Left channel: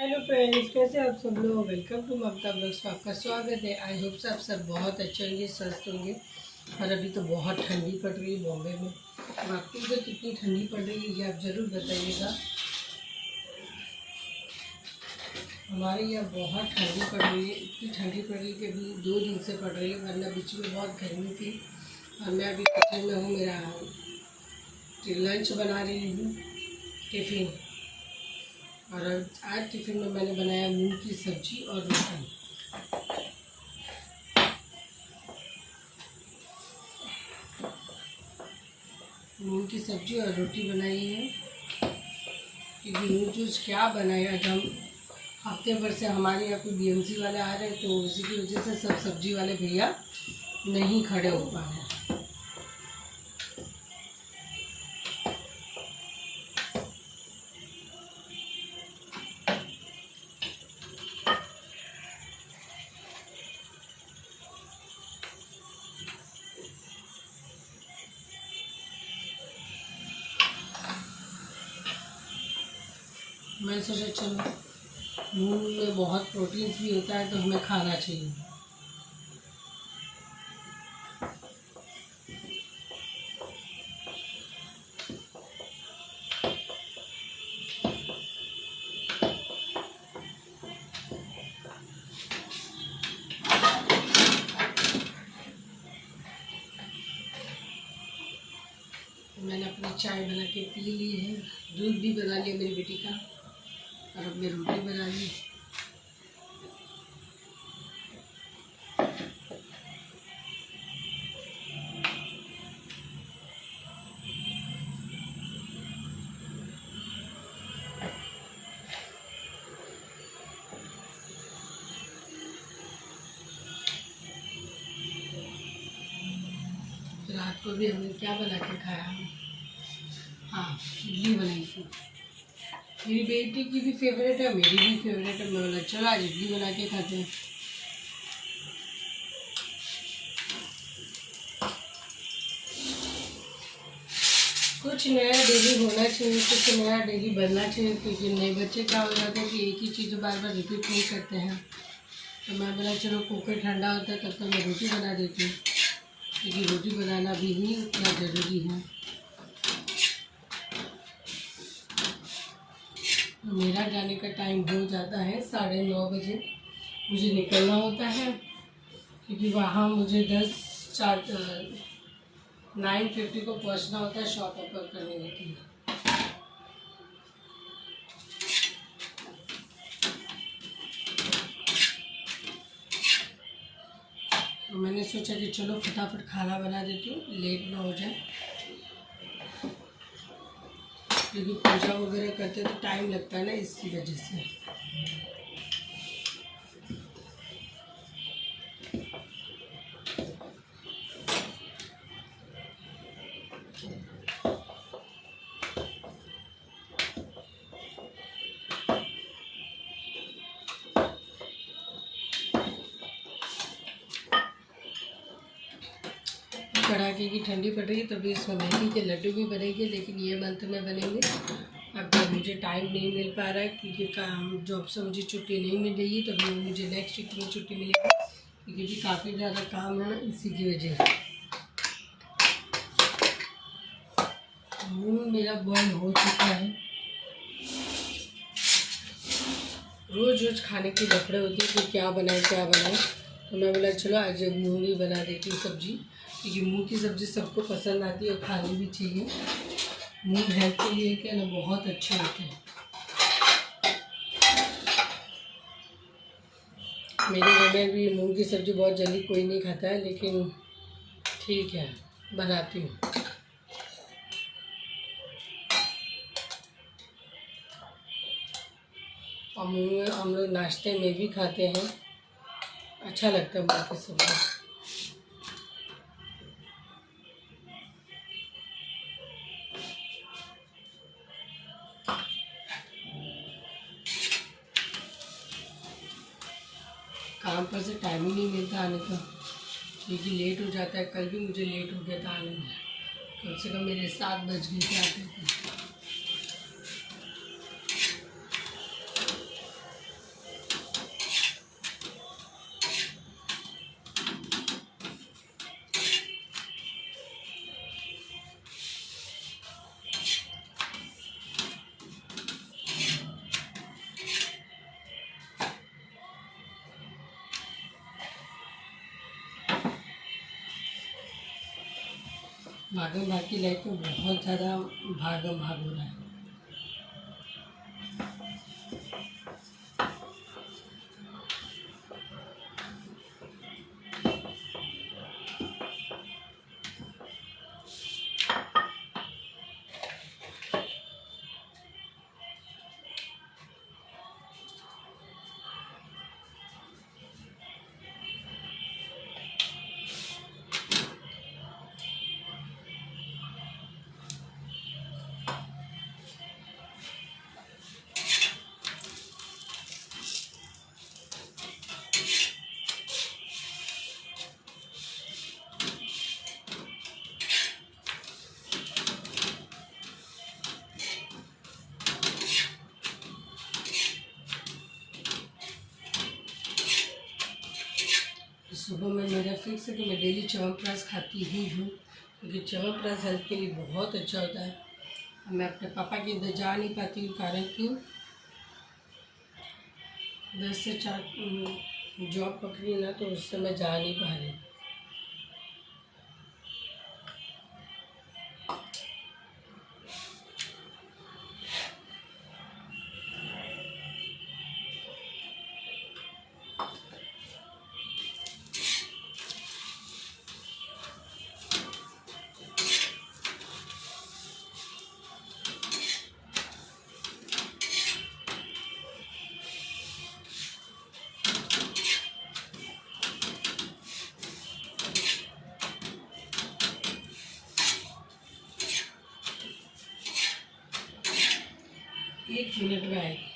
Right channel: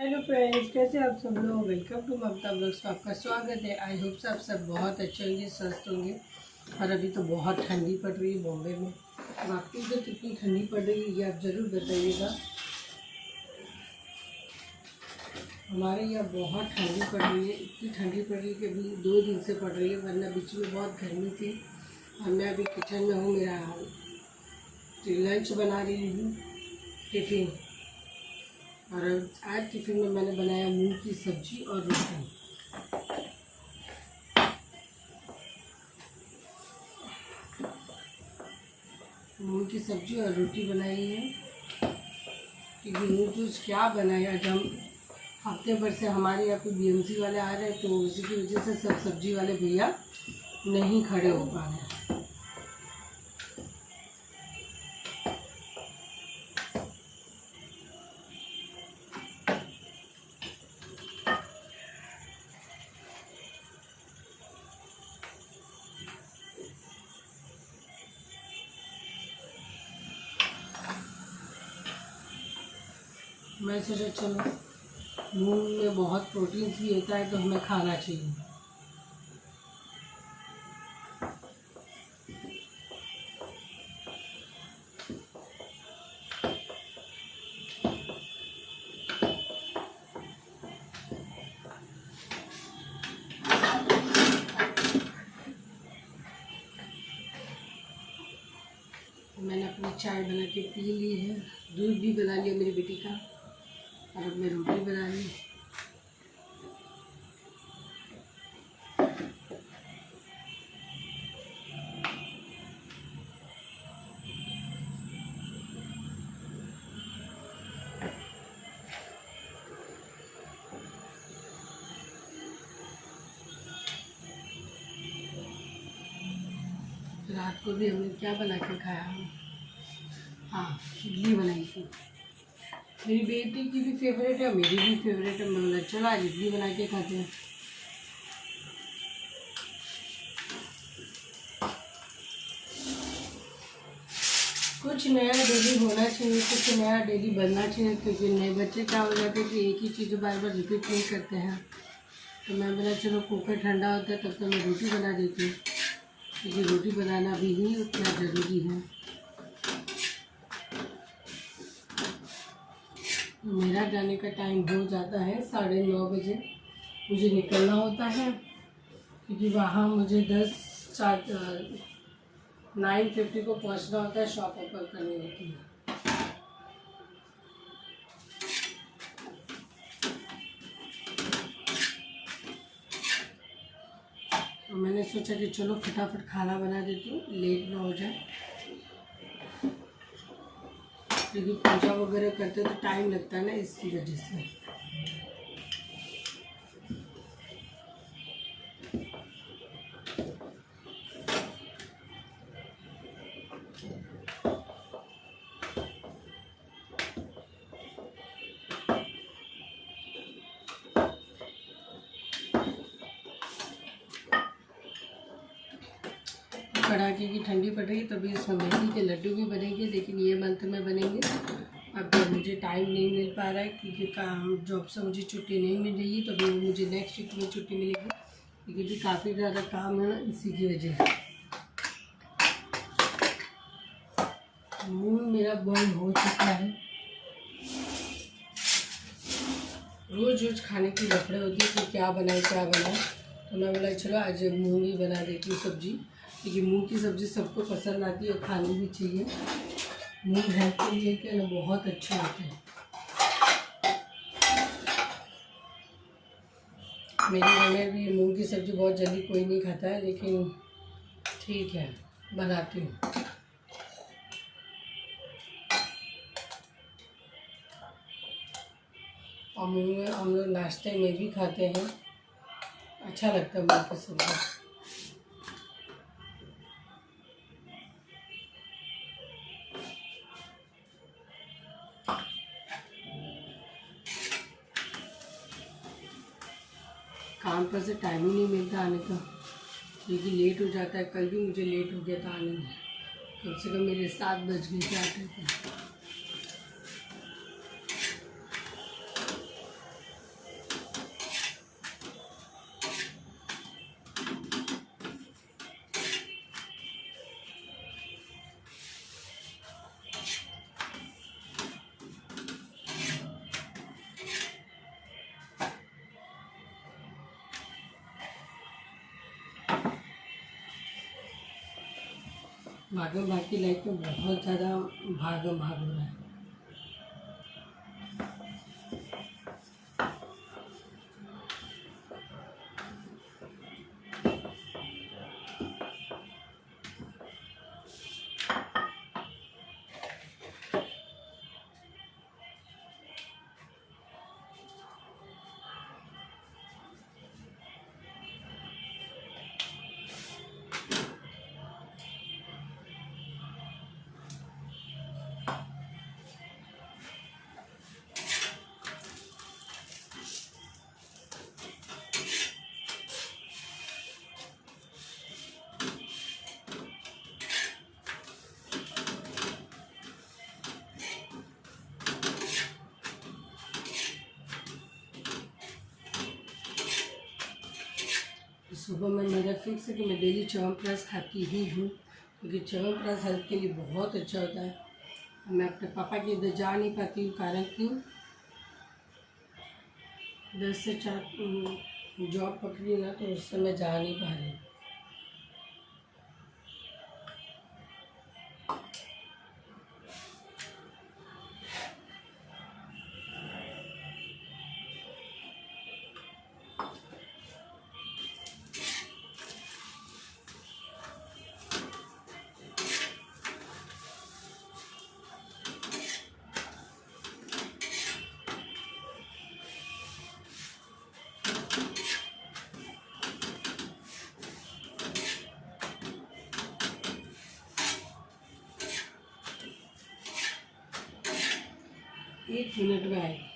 Hello friends, कैसे आप सब लोग। Welcome to Mamta blogs. आपका स्वागत है। आई होप आप सब बहुत अच्छे होंगे, स्वस्थ होंगे। और अभी तो बहुत ठंडी पड़ रही है बॉम्बे में। और आपकी तो कितनी ठंडी पड़ रही है ये आप ज़रूर बताइएगा। हमारे यहाँ बहुत ठंडी पड़ रही है, इतनी ठंडी पड़ रही है कि अभी 2 दिन से पड़ रही है, वरना बीच में बहुत गर्मी थी। और मैं अभी किचन में हूँ, मेरा लंच बना रही हूँ, टिफ़िन। और आज टिफ़िन में मैंने बनाया मूंग की सब्ज़ी और रोटी। मूंग की सब्ज़ी और रोटी बनाई है। क्योंकि जूस क्या बनाया, आज हम हफ्ते भर से हमारे यहाँ पे बीएमसी वाले आ रहे हैं, तो इसी की वजह से सब सब्ज़ी वाले भैया नहीं खड़े हो पा रहे हैं। मैं सोचा चलो, मूंग में बहुत प्रोटीन्स भी होता है तो हमें खाना चाहिए। मैंने अपनी चाय बना के पी ली है, दूध भी बना लिया मेरी बेटी का, और अब मैं रोटी बना ली। रात को भी हमने क्या बना के खाया, हाँ इडली बनाई थी। मेरी बेटी की भी फेवरेट है, मेरी भी फेवरेट है। मैं बोला चलो आज इडली बना के खाते हैं। कुछ नया डेली होना चाहिए, कुछ नया डेली बनना चाहिए। क्योंकि नए बच्चे क्या हो जाते हैं कि एक ही चीज़ बार बार रिपीट नहीं करते हैं। तो मैं बोला चलो कुकर ठंडा होता है तब तक मैं रोटी बना देती हूँ, क्योंकि रोटी बनाना भी ही उतना ज़रूरी है। मेरा जाने का टाइम हो जाता है 9:30 बजे, मुझे निकलना होता है। क्योंकि वहाँ मुझे 9:50 को पहुँचना होता है, शॉप ओपन करने होती है। तो मैंने सोचा कि चलो फटाफट खाना बना देती हूँ, लेट ना हो जाए। क्योंकि पूजा वगैरह करते तो टाइम लगता है ना, इसकी वजह से। कड़ाके की ठंडी पड़ रही है, तभी इसमें मेथी के लड्डू भी बनेंगे, लेकिन ये मंथ में बनेंगे। अब मुझे टाइम नहीं मिल पा रहा है, क्योंकि काम जॉब से मुझे छुट्टी नहीं मिल रही है। तो भी मुझे नेक्स्ट वीक में छुट्टी मिलेगी, क्योंकि भी काफ़ी ज़्यादा काम है, इसी की वजह से। मूंग मेरा बॉयल हो चुका है। रोज़ रोज़ खाने की लफड़े होती है कि क्या बनाए क्या बनाए। तो मैं बोला चलो आज मूंग ही बना देती हूँ सब्ज़ी, क्योंकि मूंग की सब्ज़ी सबको पसंद आती है और खानी भी चाहिए। मूंग हेल्थ के लिए क्या ना बहुत अच्छे होते हैं। मेरे घर में भी मूंग की सब्ज़ी बहुत जल्दी कोई नहीं खाता है, लेकिन ठीक है बनाती हूँ। और मूंग हम लोग नाश्ते में भी खाते हैं, अच्छा लगता है मूंग की सब्ज़ी। काम पर से टाइम ही नहीं मिलता आने का, क्योंकि लेट हो जाता है। कल भी मुझे लेट हो गया था आने में, कम से कम मेरे 7 बज गए थे आते थे। भागम भाग की लाइफ में बहुत ज़्यादा भागम भाग हो रहा है। सुबह में मेरा फिक्स है कि मैं डेली च्यवनप्राश खाती ही हूँ, क्योंकि च्यवनप्राश हेल्थ के लिए बहुत अच्छा होता है। मैं अपने पापा के इधर जा नहीं पाती हूँ, कारण क्यों 10 से 4 जॉब पकड़ी ना, तो उससे मैं जा नहीं पा रही। एक मिनट में आएगी।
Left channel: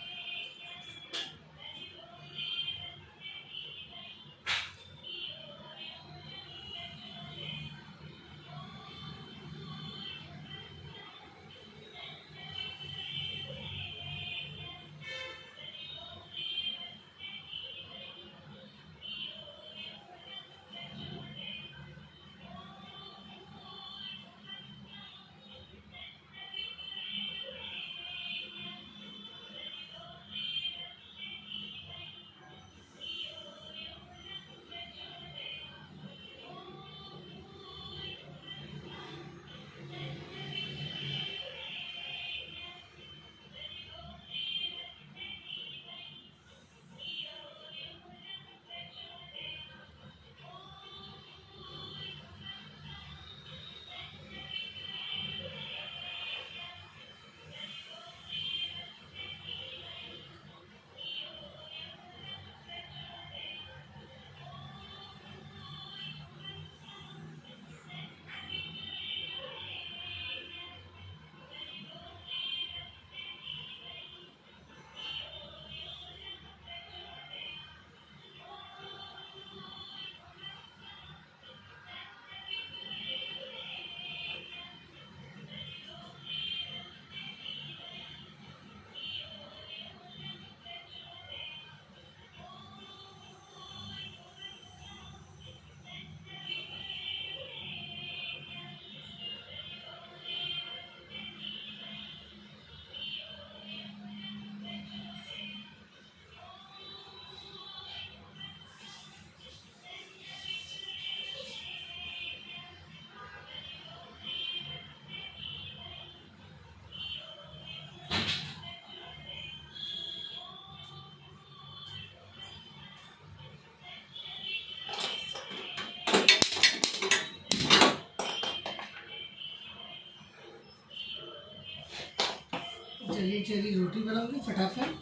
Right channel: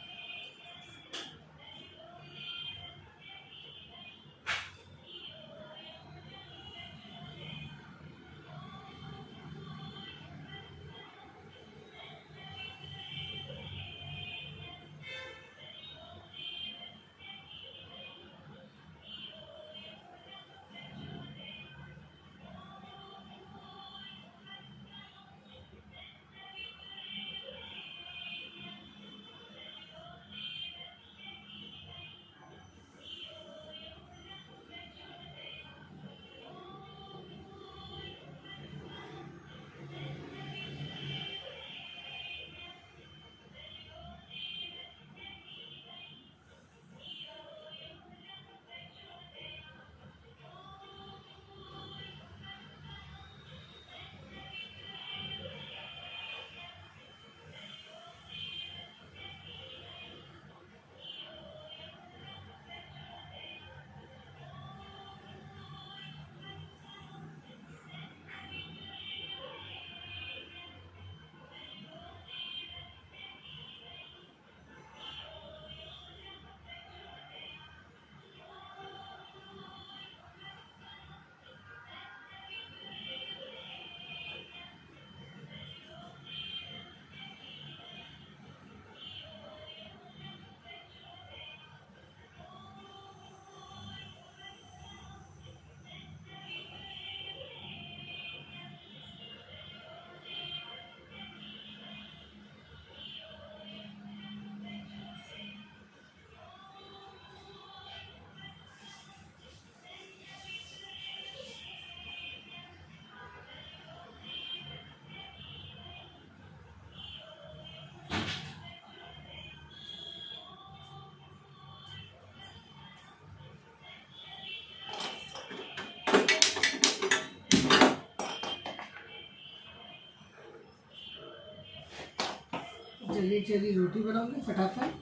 जल्दी जल्दी रोटी बनाओगे फटाफट।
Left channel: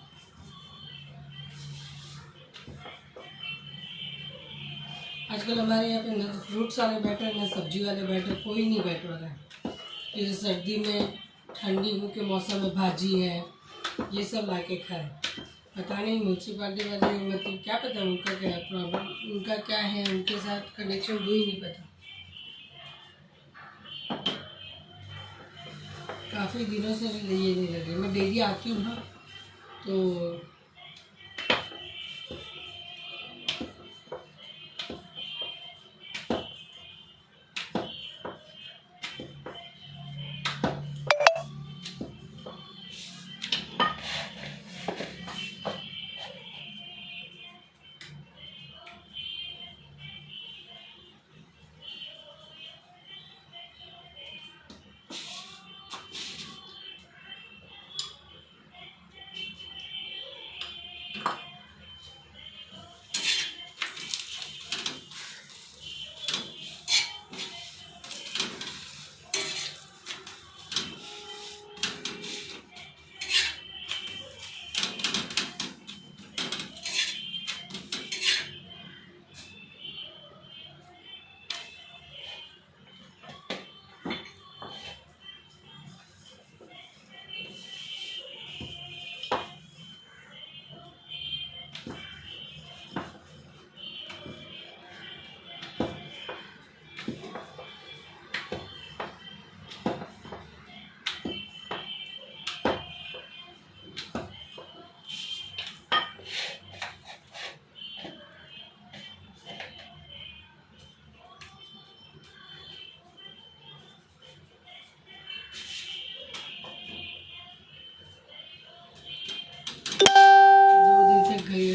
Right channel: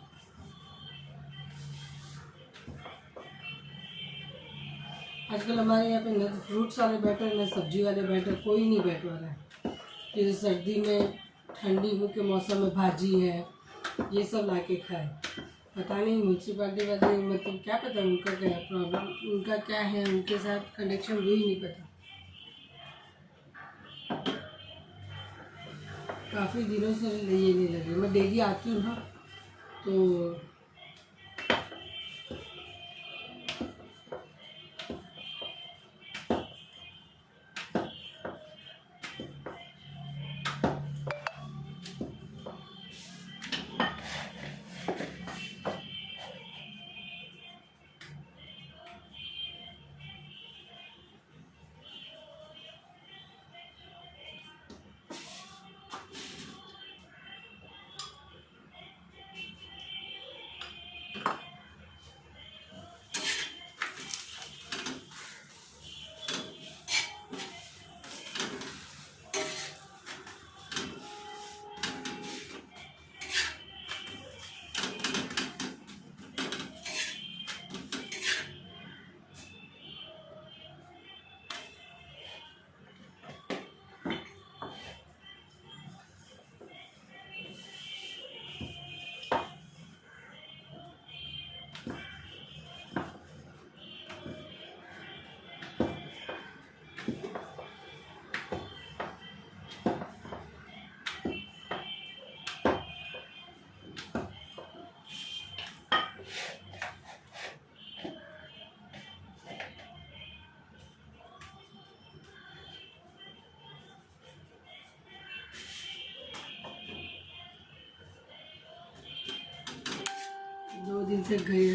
आजकल हमारे यहाँ पे न फ्रूट्स वाले बैटर न सब्जी वाले बैटर कोई नहीं बैठ रहा है। जैसे सर्दी में ठंडी के मौसम में भाजी है, ये सब ला के खाए। पता नहीं म्यूनसिपाली वाले, मतलब क्या पता उनका क्या प्रॉब्लम, उनका क्या है, उनके साथ कनेक्शन वो ही नहीं पता। काफ़ी दिनों से ये नहीं लगे। मैं डेली आती हूँ ना, तो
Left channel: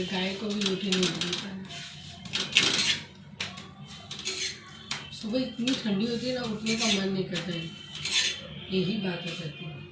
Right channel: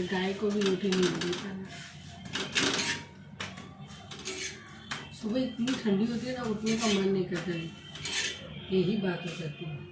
गाय को भी रोटी नहीं मिलता है। सुबह इतनी ठंडी होती है ना, उठने का मन नहीं करता है। यही बात हो सकती है।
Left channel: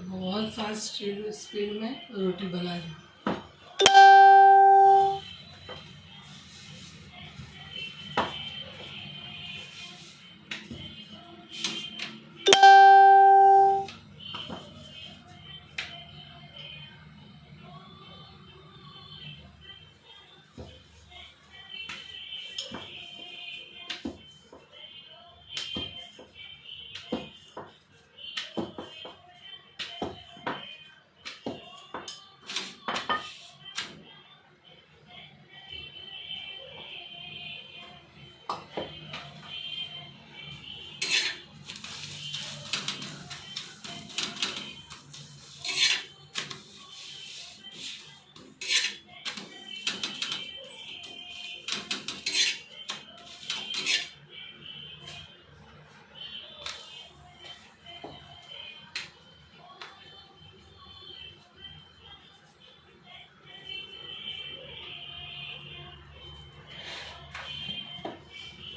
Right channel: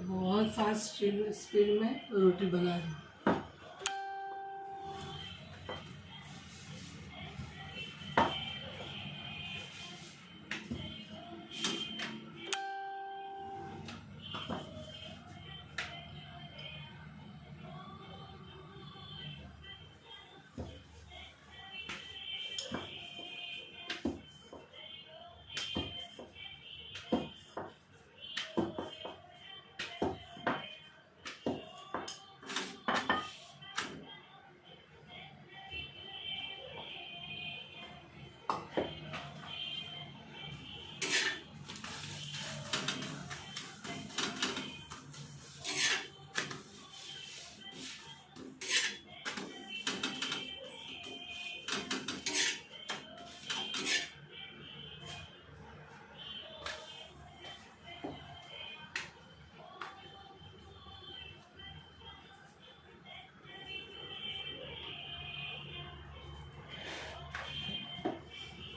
बहुत फास्ट स्पीड में रोटी बना दी।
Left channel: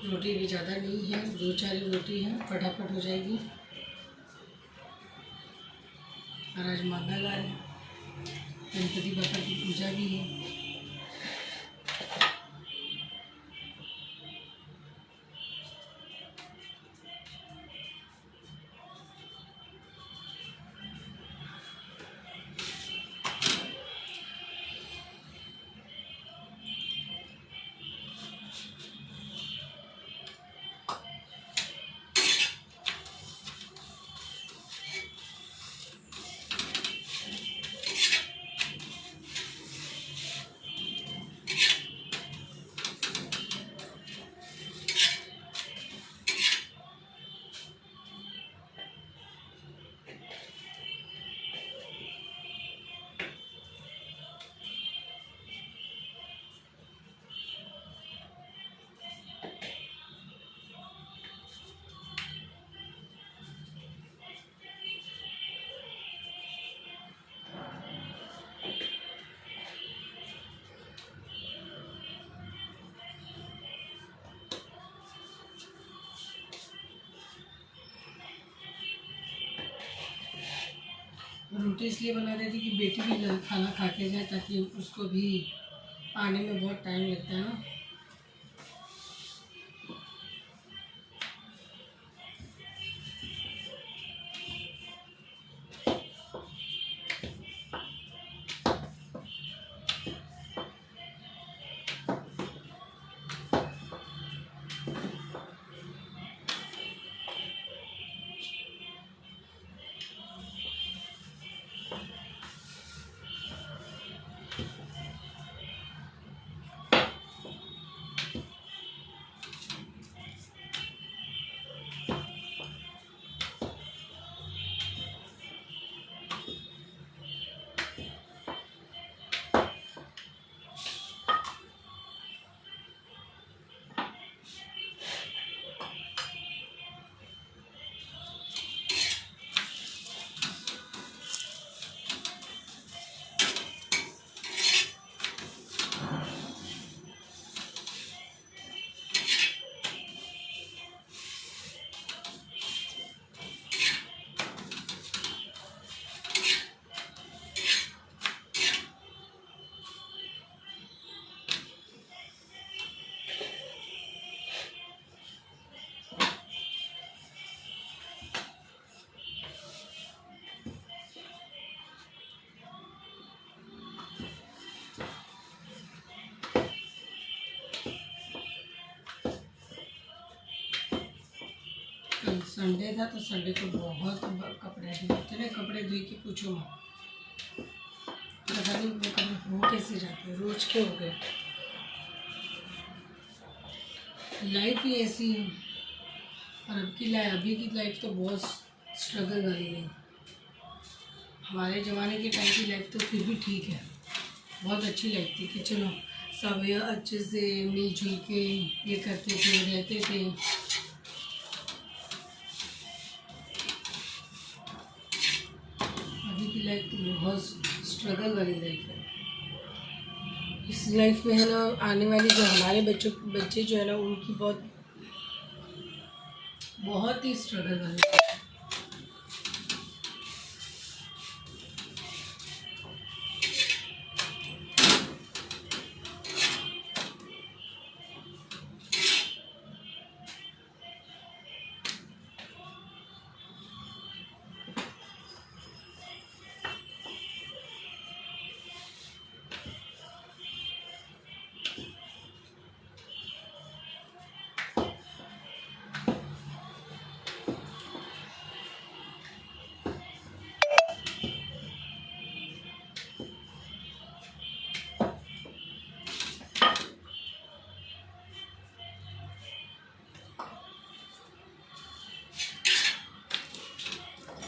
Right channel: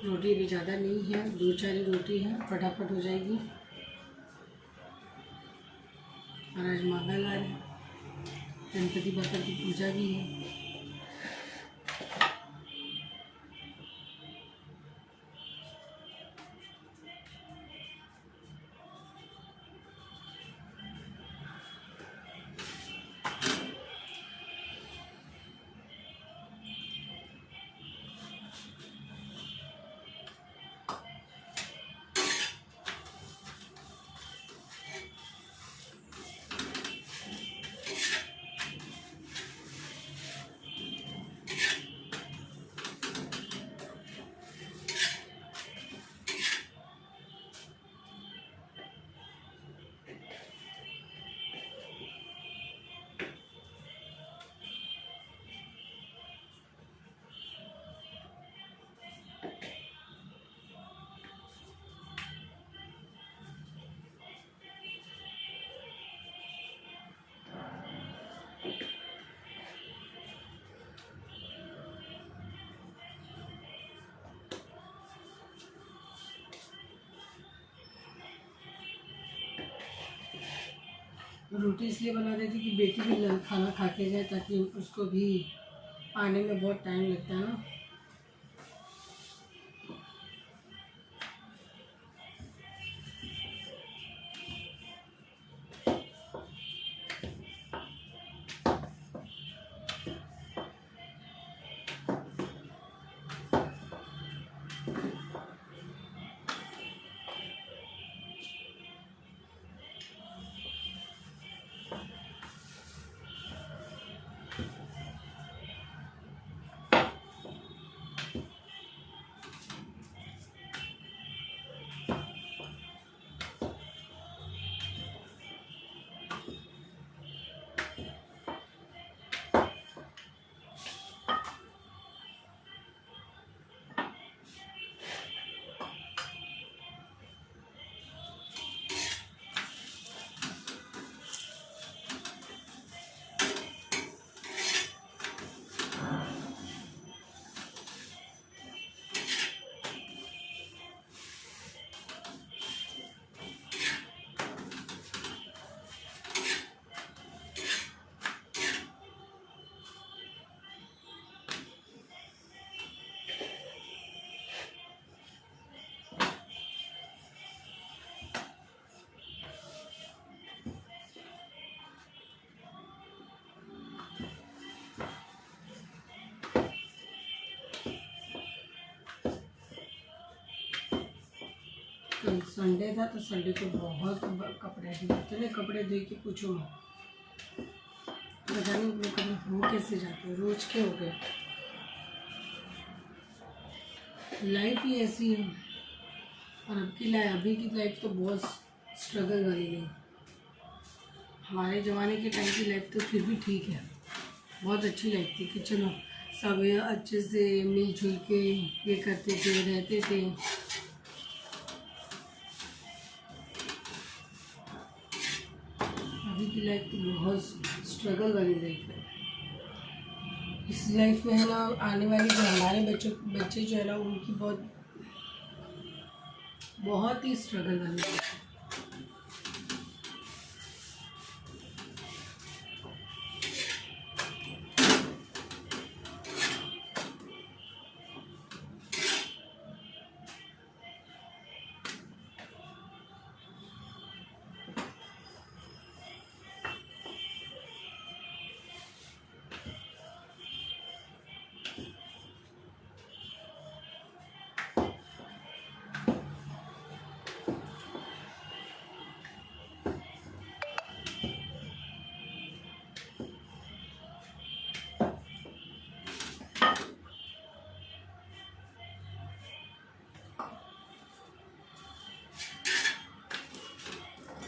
रोटी भी ज़्यादा नहीं है, 2-4 ही रोटी है, फटाफट हो जाएगी। और आज मंगलवार है, गणपति बप्पा की पूजा भी है। रोटी इसलिए बना देती कि बेटी भी खाना खा के जाए, ताकि उसको भी आने में बहुत टाइम लगता है ना। कल संडे था तो संडे को बहुत कपड़े धोए, इतने कपड़े धोए कि पूछो मत। पता नहीं वो कपड़े हो कैसे जाते हैं, रोज के हो गए। लाइफ ही ऐसी है। और अभी की लाइफ तो बहुत स्ट्रगल वाली है। हमारे ज़माने के टाइम की लाइफ तो फिर भी ठीक है, बहुत अच्छी लाइफ थी कि चलो सब अच्छे से मिलजुल के ये करते थे, रहते थे। अभी की लाइफ तो बहुत स्ट्रगल वाली लाइफ है। इस लाइफ में है ना, आने वाली जो हमारे बच्चे जो है ना, उनकी बहुत ही स्ट्रगल वाली लाइफ है।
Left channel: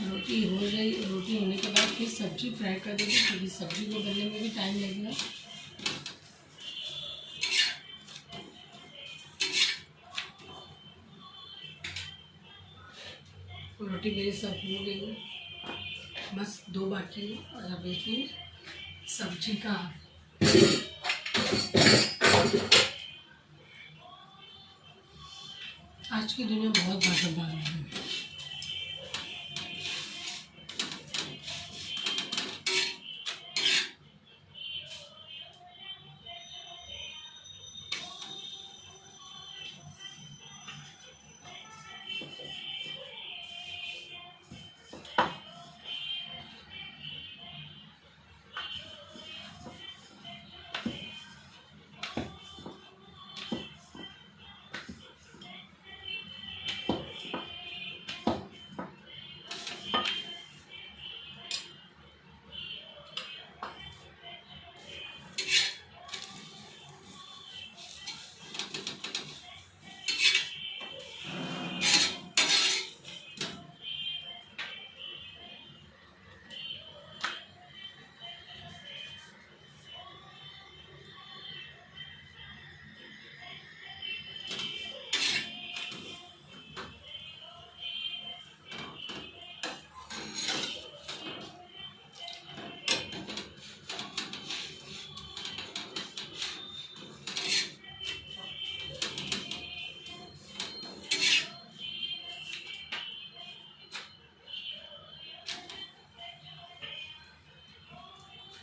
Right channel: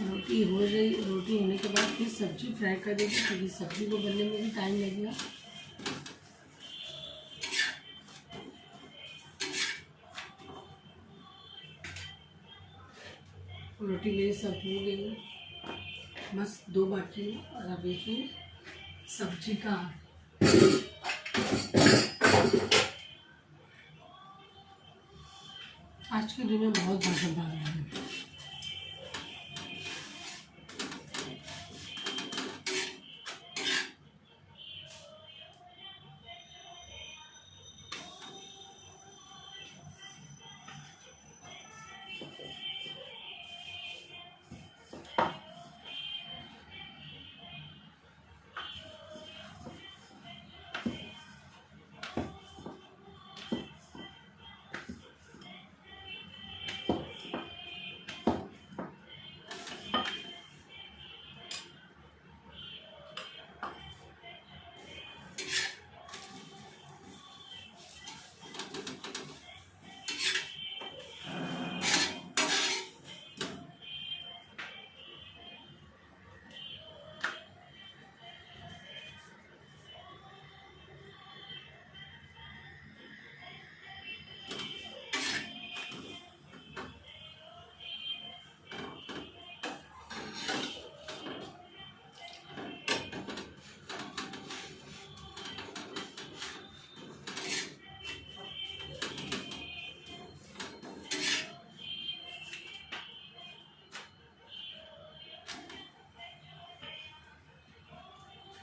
रोटी होने के बाद फिर सब्जी फ्राई कर देंगे, क्योंकि सब्जी को बनने में भी टाइम लगेगा। रोटी मेरी सब हो गई है, बस 2 बाकी है। और अभी फिर सब्जी का आज की दुनिया बहुत भागदौड़ है।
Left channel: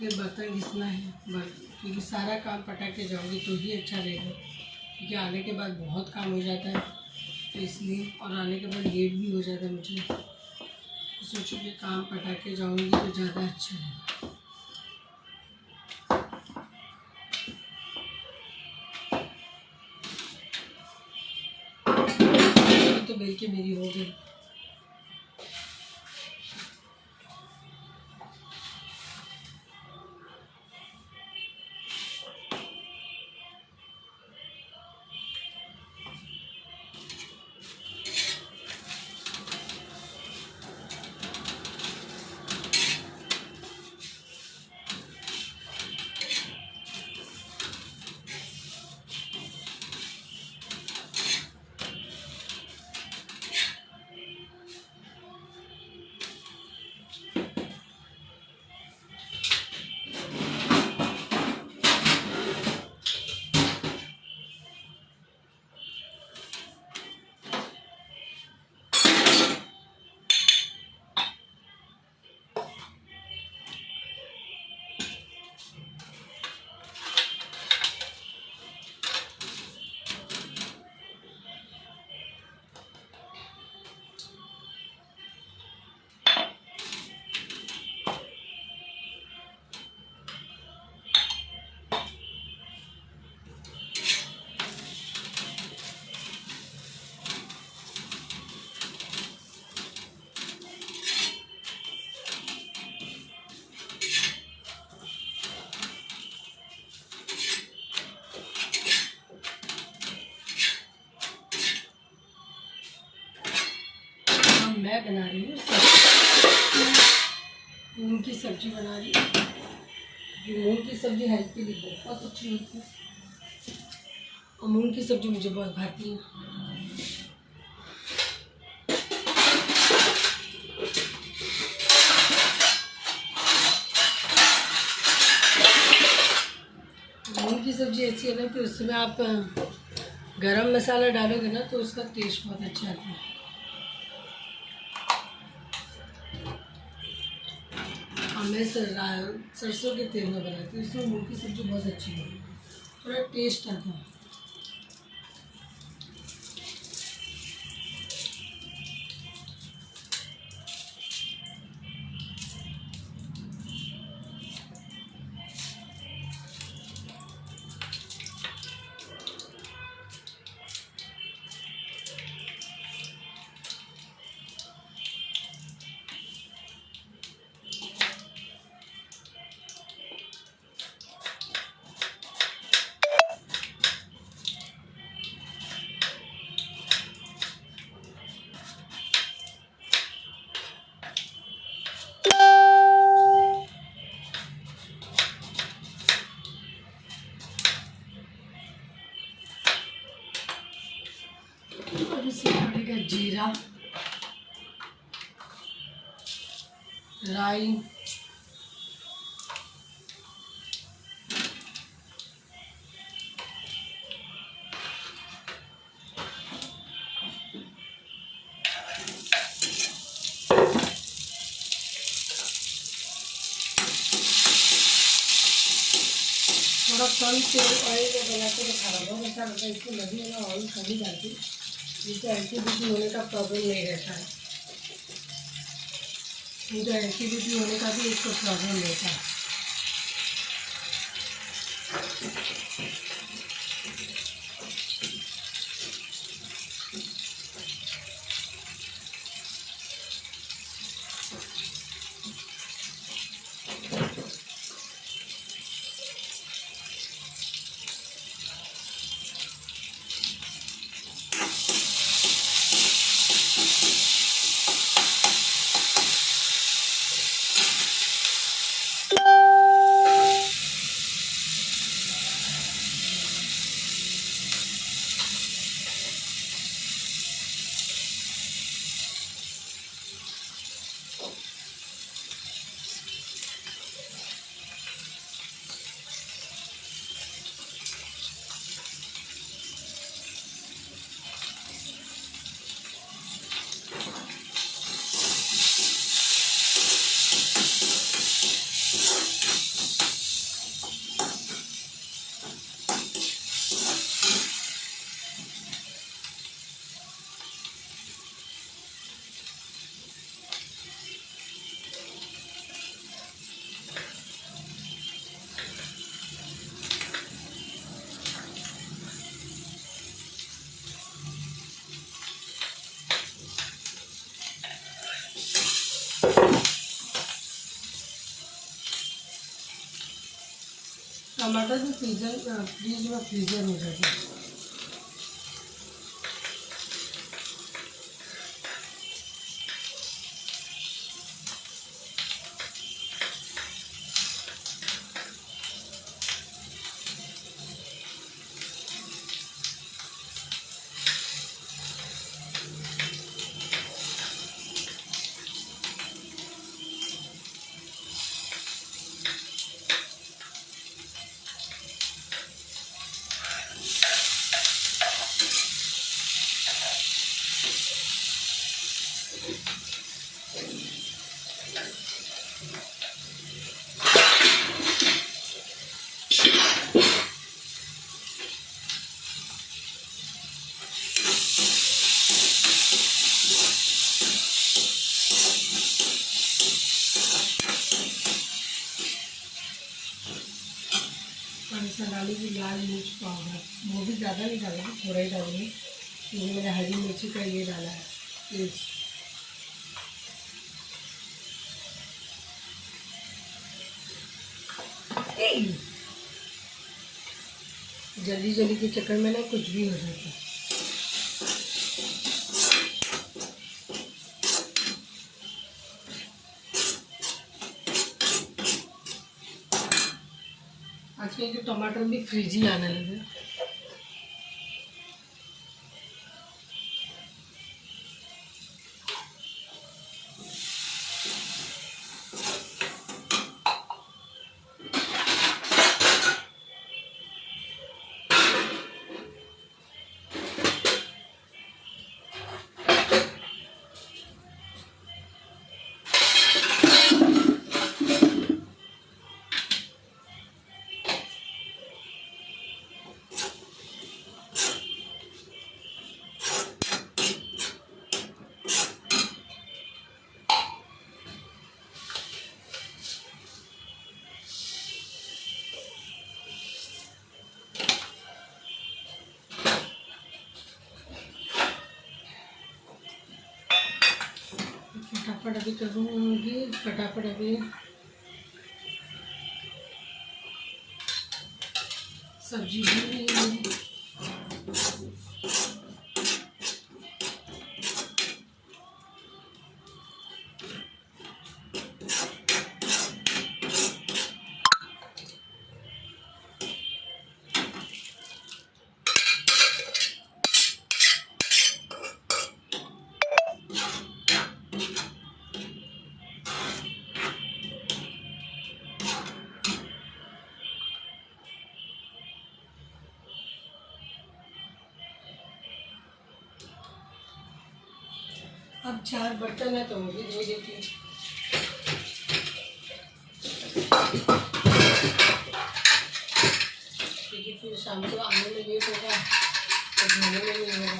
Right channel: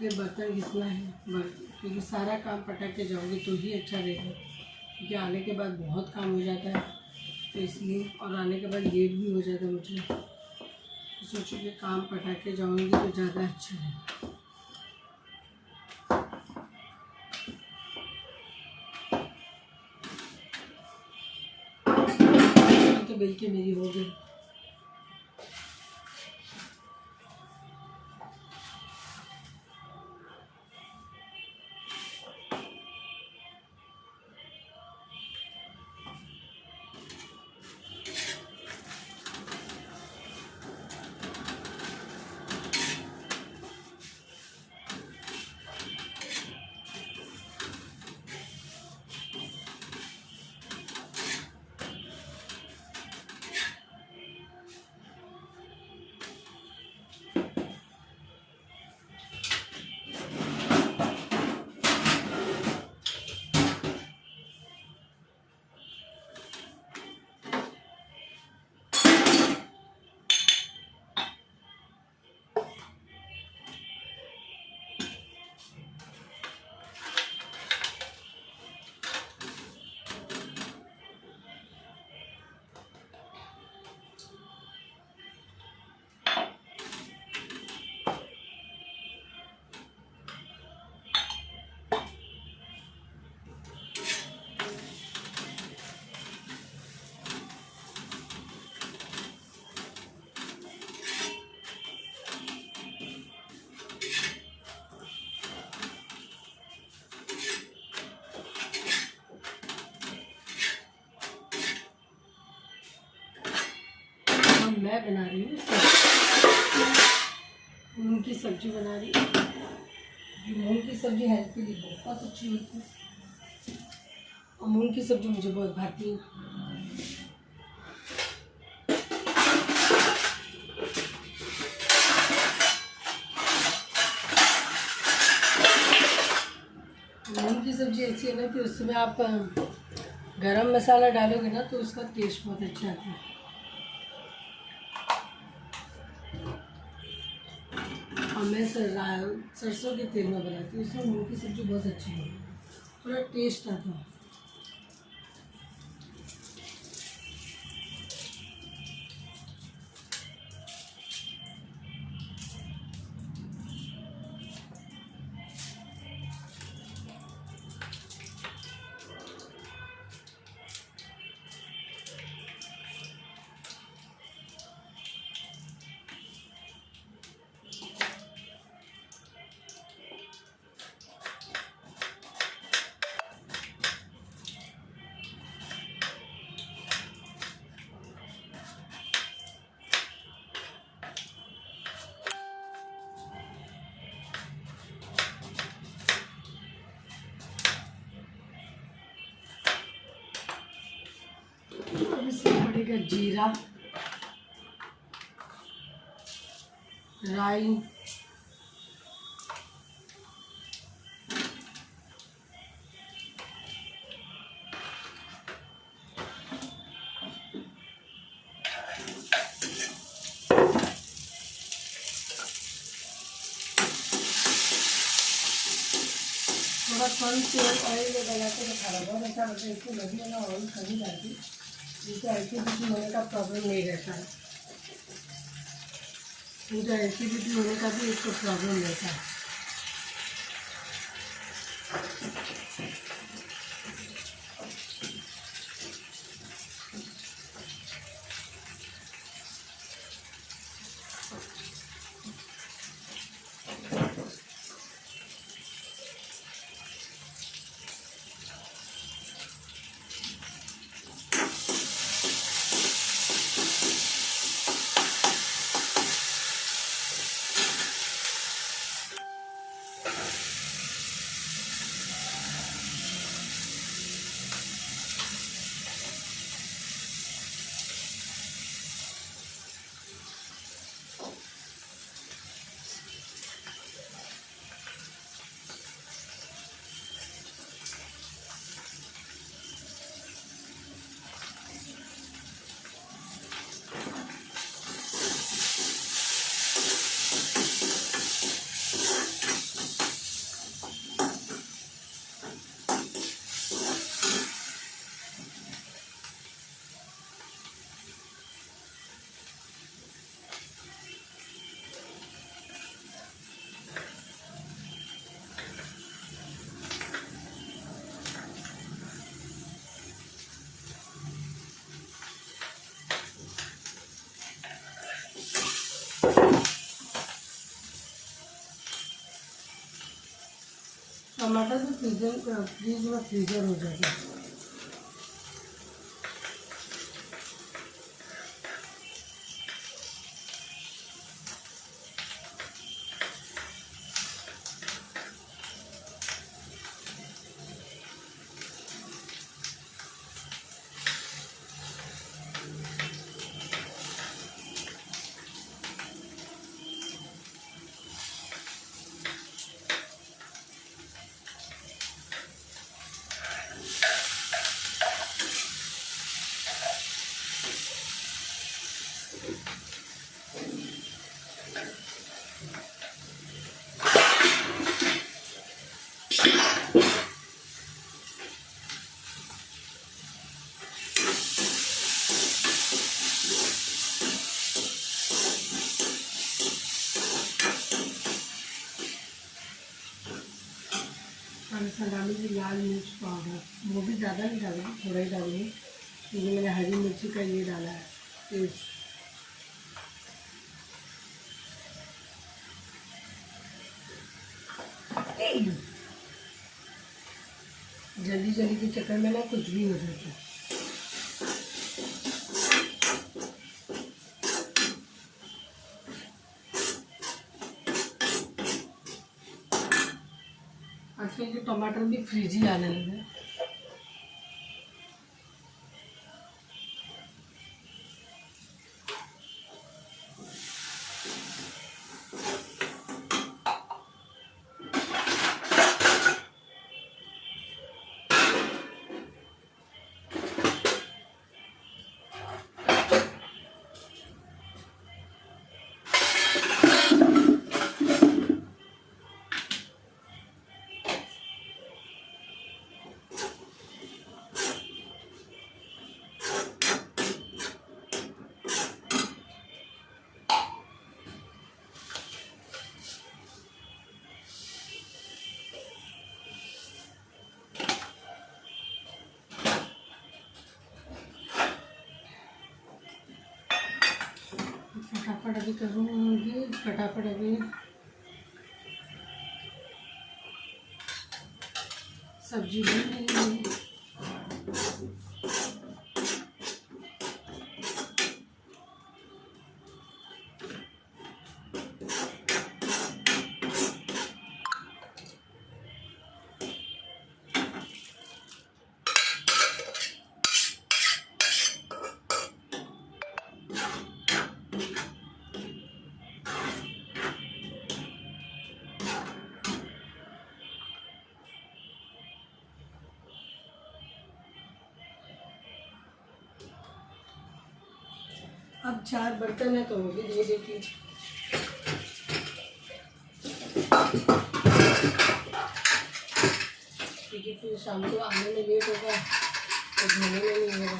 फिर बर्तन घिसना है, क्योंकि सारा काम पटा के जाओगे तो ही अच्छा रहेगा, क्योंकि आने के बाद बहुत काम हो जाता है, तो इसलिए। और आने के बाद लेट भी हो जाता है मुझे, तो सोचो कि काम पटा के जाऊँगी तो ज़्यादा अच्छा है। तो बेल के मेरी हो गई। मैं बना रही हूँ मूंग की सब्जी बना रही हूँ। मूंग की सब्जी हेल्थ के लिए बहुत अच्छी होती है और मूंग की सब्जी मुझे बहुत भाती है। मूंग की सब्जी ऐसी है ना कि उसमें आप गरम मसाला डालोगे ना तो उसका टेस्ट बहुत अच्छा आता है। और मैं सरसों के तेल में बनाती हूँ, उसमें मूंग की सब्जी बहुत अच्छी है, थोड़ा टेस्ट आता है। और इसमें पड़ेगा जीरा, राई, थोड़ा कम तेल ऑयल में बना के रखा रहा बहुत अच्छा लगता है। इसको लगी वाला ऑयल कभी डालती जिससे एसिडिटी होने का प्रॉब्लम नहीं रहता है। नहीं तो एसिडिटी होने का भी इसको प्रॉब्लम रहता है। टमाटर भी फ्रीज में फ्रीजर हो जाता है। इसमें डालूंगी लाल मिर्च पाउडर, वो भी ज़्यादा नहीं डालूंगी, थोड़ा ही डालूंगी क्योंकि मैंने हरी मिर्ची का ये डाला है पेस्ट। जल्दी जल्दी के चक्कर में ना कुछ भी हो जाता है। आजकल के टमाटर भी फ्रिजी आने लगे। फटाफट अभी करूँगी, फटाफट अभी सब्जी बन रही है। अब 4 बर्तन है तो वो भी धो देती हूँ, क्योंकि फिर शाम को आने में लेट होगा तो धोने में नहीं होगा।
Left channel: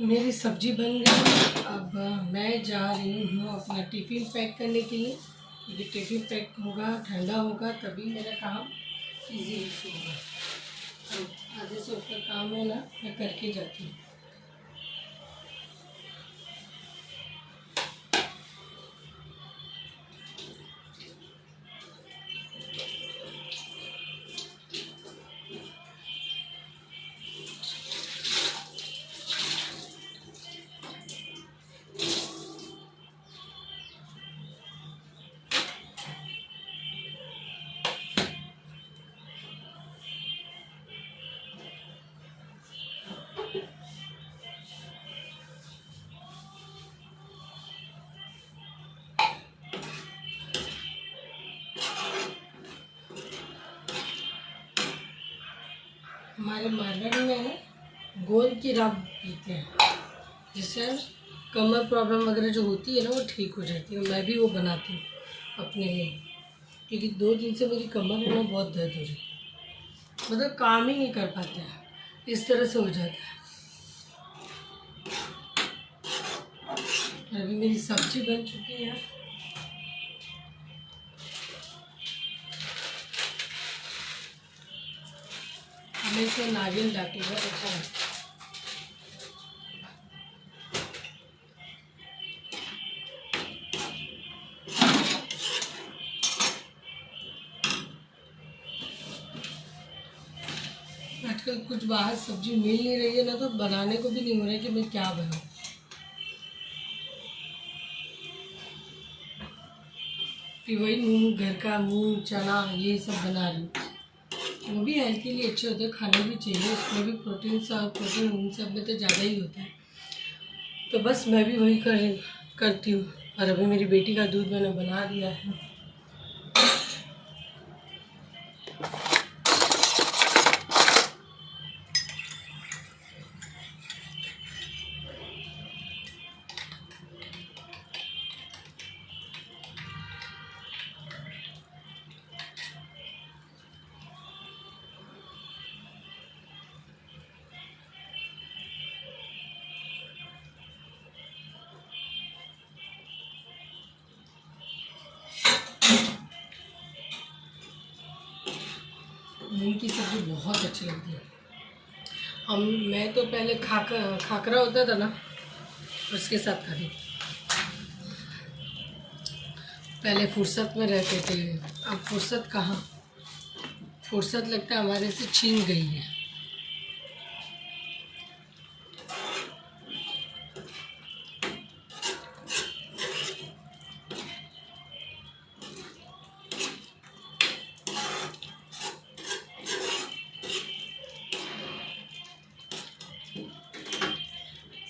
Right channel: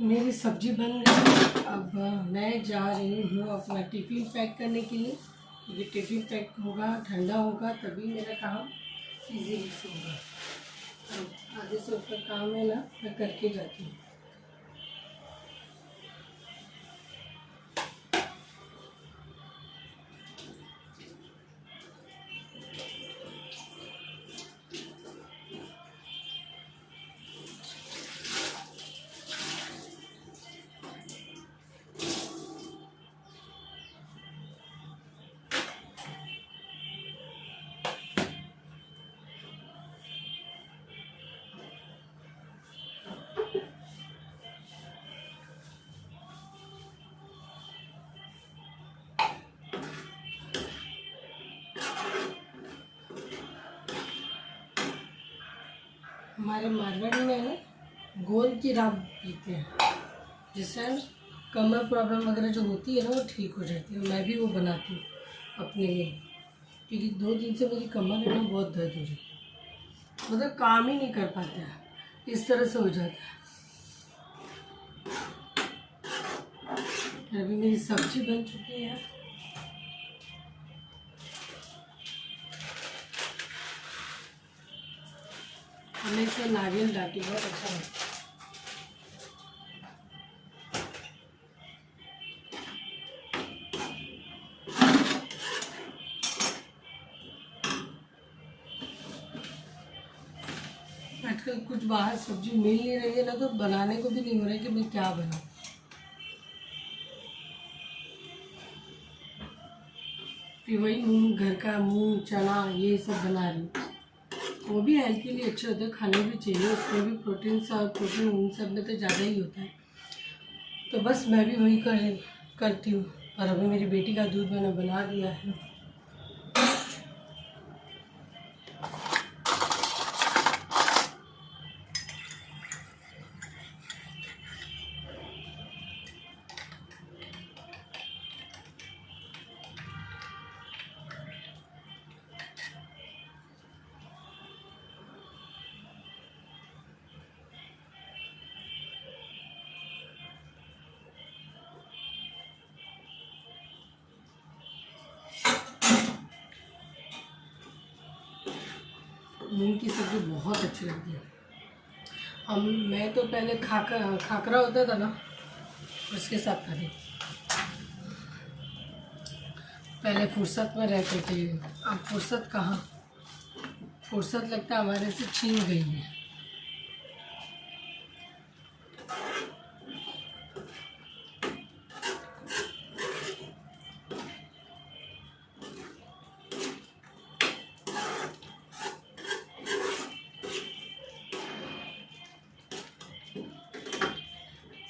मेरी सब्जी बन गई। अब मैं जा रही हूँ अपना टिफ़िन पैक करने के लिए, क्योंकि टिफ़िन पैक होगा, ठंडा होगा, तभी मेरा काम इजी होगा। तो आधे से ऊपर काम है ना, मैं करके जाती हूँ। हमारे मारवाड़ी में है गोंद की राब पीते हैं, जिससे कमर प्रॉब्लम वगैरह जो होती है ना वो ठीक हो जाती है। मैं भी वो बनाती हूँ अपने लिए, क्योंकि 2 दिन से मेरी कमर है ना बहुत दर्द हो रही है, मतलब काम ही नहीं कर पाते हैं, इस तरह से हो जाता है। अभी मेरी सब्जी बन चुकी है। हमें इसमें नारियल डालती बहुत अच्छा लगता है। आजकल कुछ बाहर सब्जी मिल नहीं रही है ना, तो बनाने को भी नहीं हो रहा है कि मैं क्या बनाऊँ। कि वही मूंग, घर का मूंग चना ये सब बना रही हूँ। वो भी हेल्थ के लिए अच्छे होते हैं, खाने भी चाहिए, उसमें भी प्रोटीन उन सब में तो ज़्यादा ही होता है। तो बस मैं भी वही करती हूँ। और अभी मेरी बेटी का दूध मैंने बना दिया है। मूंग की सब्ज़ी बहुत अच्छी लगती है। मैं तो पहले खाकरा होता था ना, उसके साथ खाती। पहले फुर्सत में रहते थे, अब फुर्सत कहाँ, फुर्सत लगता है हमारे से छीन गई है।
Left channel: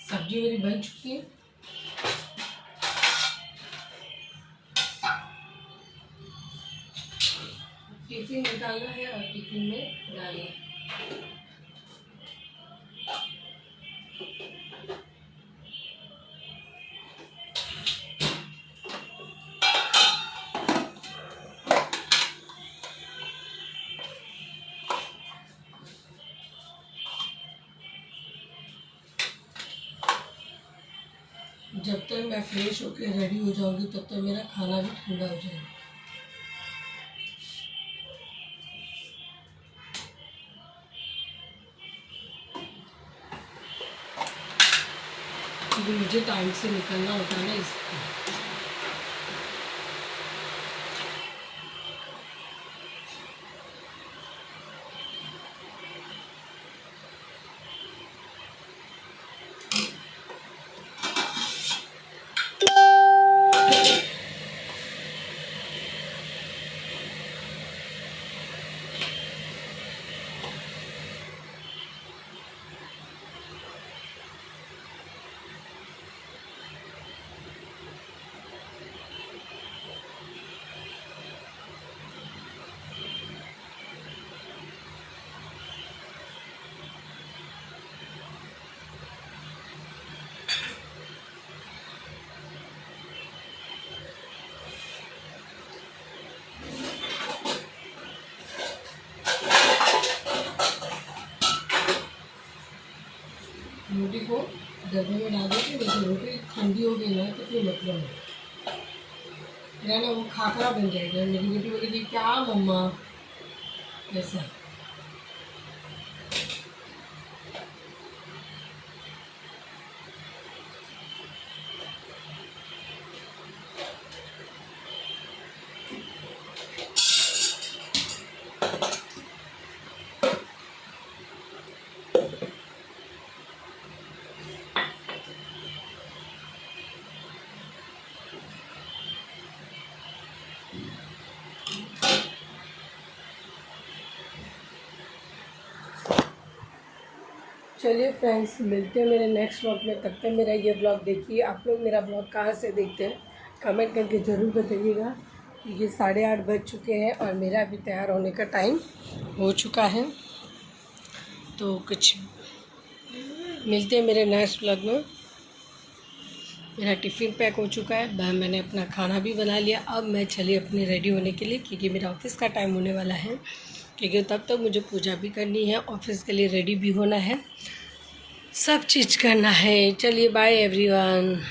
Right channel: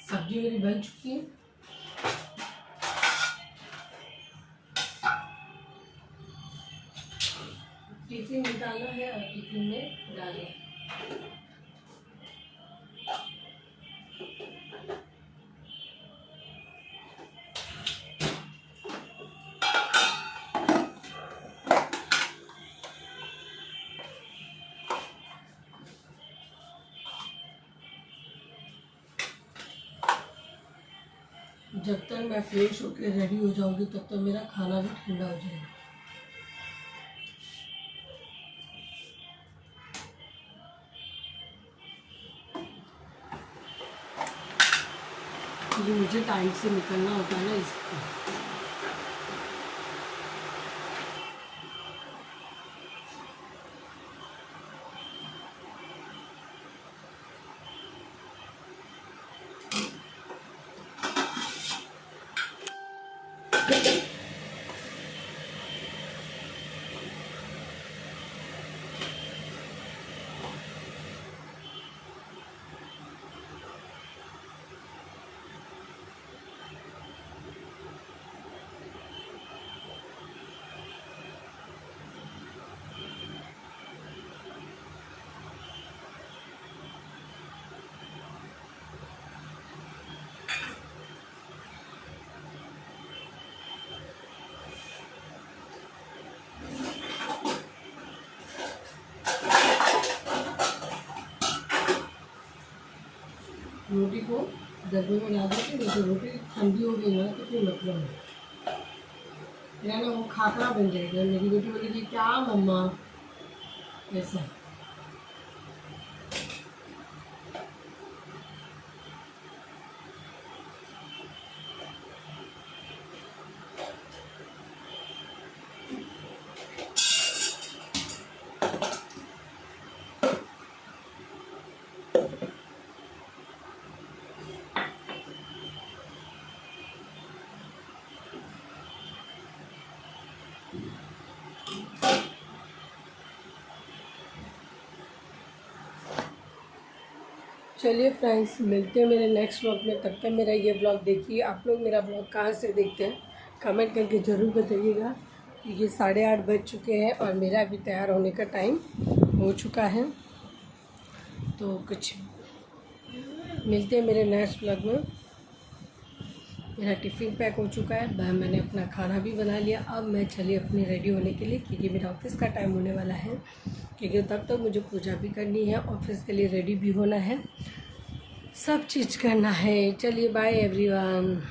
सब्जी मेरी बन चुकी है। टिफिन निकालना है और टिफिन में डालना है। जब तक मैं फ्रेश होकर रेडी हो जाऊंगी तब तक मेरा खाना भी ठंडा हो जाएगा। क्योंकि मुझे टाइम से निकलना होता है ना, इसलिए। रोटी को डब्बे में डाल देते, जैसे रोटी ठंडी हो गई ना तो फिर मतलब है ना, वो खाकरा बन जाएगा। मेरी बेटी बोलेगी क्या मम्मा, ऐसा। चलिए फ्रेंड्स, मिलते हैं मेरे नेक्स्ट ब्लॉग में। तब तक मेरा ये ब्लॉग देखिए। आप लोग मेरा ब्लॉग कहाँ से देखते हैं कमेंट करके ज़रूर बताइएगा। ये 8:30 बज चुके हैं और मेरा भी तैयार होने का टाइम हो चुका है। तो कुछ मिलते हैं मेरे नेक्स्ट व्लॉग में। मेरा टिफ़िन पैक हो चुका है, मैंने अपना खाना भी बना लिया। अब मैं चली अपनी रेडी होने के लिए, क्योंकि मेरा ऑफिस का टाइम होने वाला है, क्योंकि तब तक मुझे पूजा भी करनी है, ऑफिस के लिए रेडी भी होना है, सब चीज़ करना है। चलिए बाय एवरीवन।